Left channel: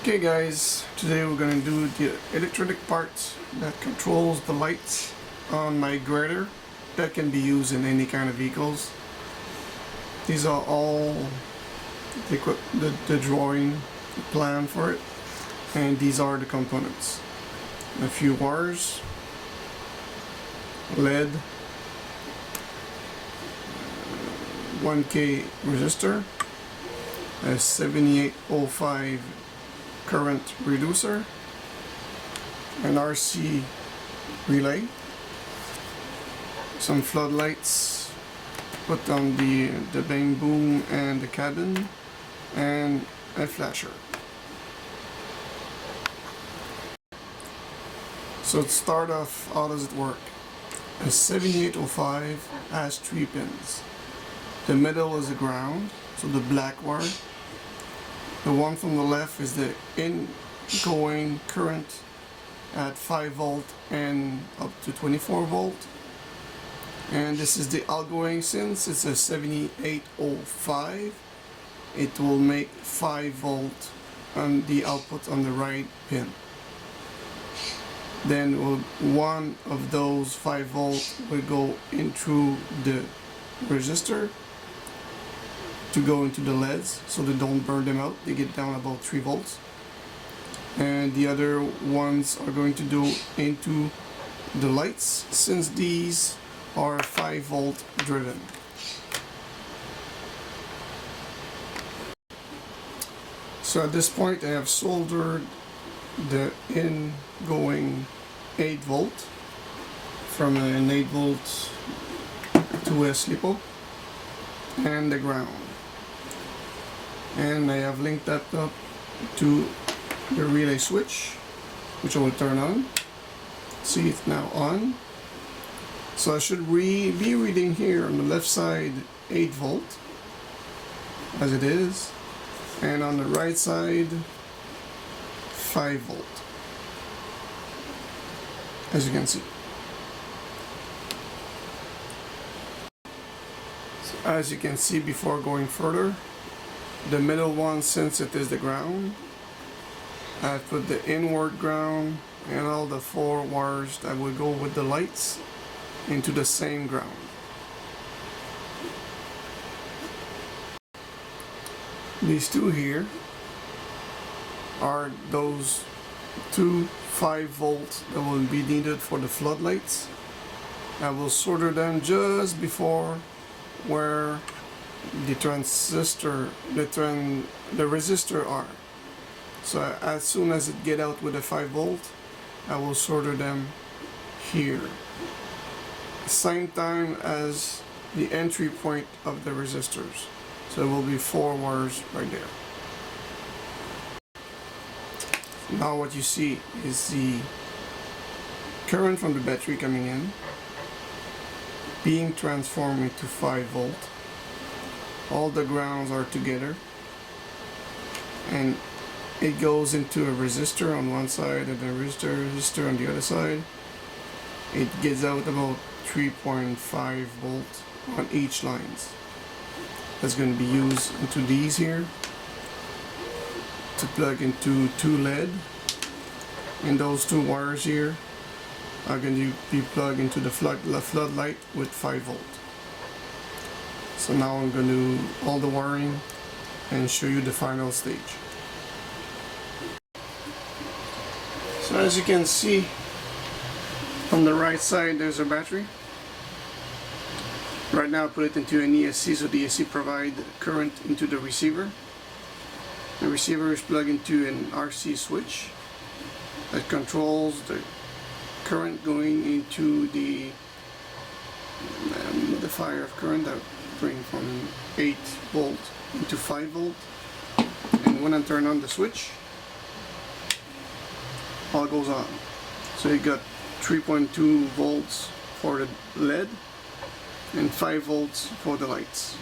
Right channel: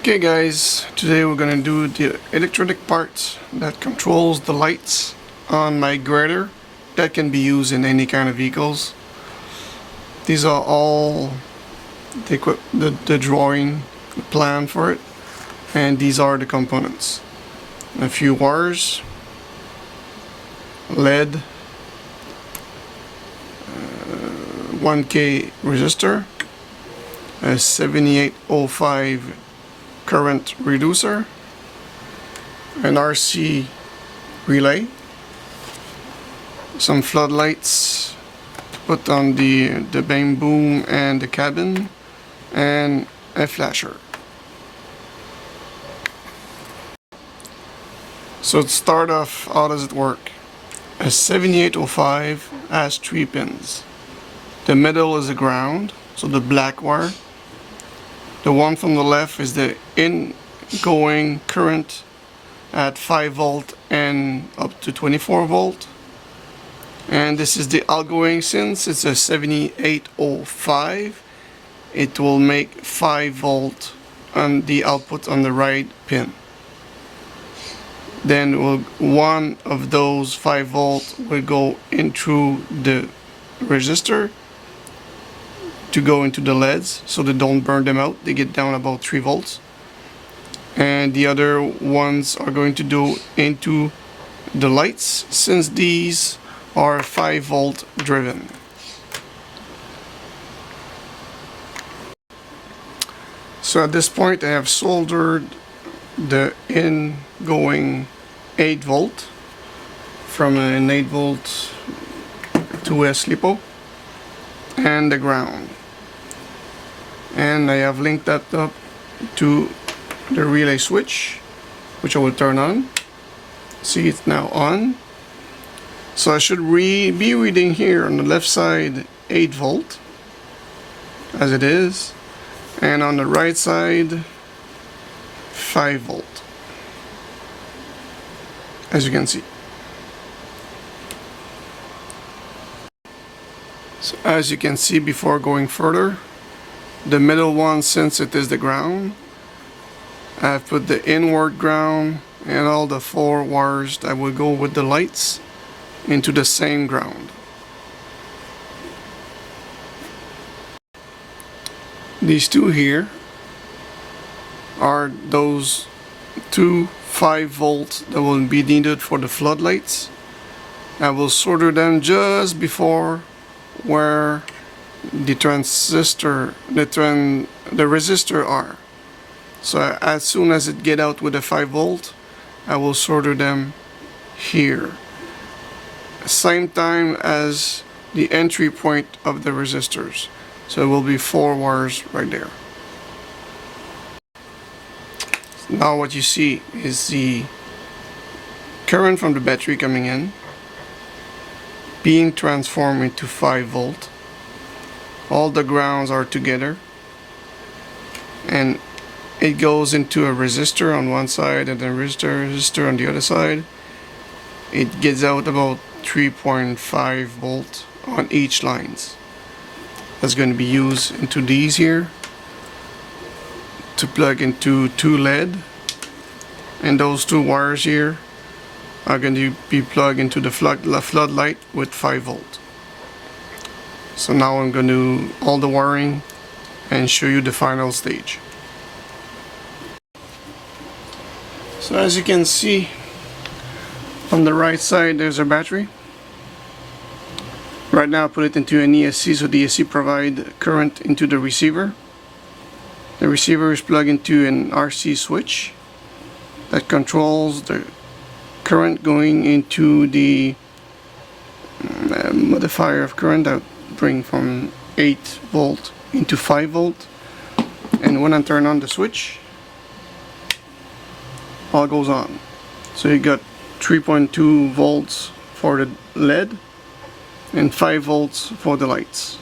Okay guys, today we're going to do the electronic part that controls the lights on my grader that can be used in any kind of vehicles. These are all the drawing plan for it, and these are the components. A few wires, LED, 1K resistor, a 7805 current reducer, an RC relay, some floodlights put on the main boom and the cabin, and a flasher. So to start off, how does it work? A 7805 has 3 pins. The middle is the ground, so the black wire. The one from the left is the ingoing current at 5 volt and up to 24 volt. And this is the outgoing. Since it's a 7805, it will make 5 volt on the output on the right pin. Then one of those 5 volt will go in through the resistor to go into the LEDs, so they don't burn them out. They get down about 3 volts, and the other ones are going to go into the lights, since these are 5 volt driven. So at this point I have soldered the ingoing 8 volt from an 8 volt to a SLIPO and the ground, and I have linked that up to the relay switch, which I will turn on. See, it's now on. So I should be reading here on the left side 8 volt as it is, and on the right side 5 volt, as you can see. So as you can see, before going further, the middle one, since it is the ground, I've put the inward ground and all the 4 wires that will go with the lights into the same ground. These two here are those 2 5 volts that will be needed for the floodlights. I will solder them just before where the transistor, the resistor are. So as soon as it get out with a 5 volt, I will solder them here, same time as the entry point of the resistors. So it will be 4 wires right there. Now what you see is the current from the battery coming in, being transformed into 5 volt. All the grounds are together, and it goes into a resistor on one side and a resistor on the other side. It gets out about 3.5 volt on each lines. That's going to be used into these here to plug into 2 LED, and those 2 wires here are going to be plugged into the floodlight with 5 volt. So now I'm going to do all the wiring and show you the final stage. So as you can see, on the right side there's a battery. Right now I put it into an ESC, so the ESC provides current into the receiver. The receiver is plugged into an RC switch that controls the current going into the modifier of current that bring from 8 volt into 5 volt. And when I turn on the switch, all goes on. So you got 3.2 volts for the LED and 5 volts for the lights.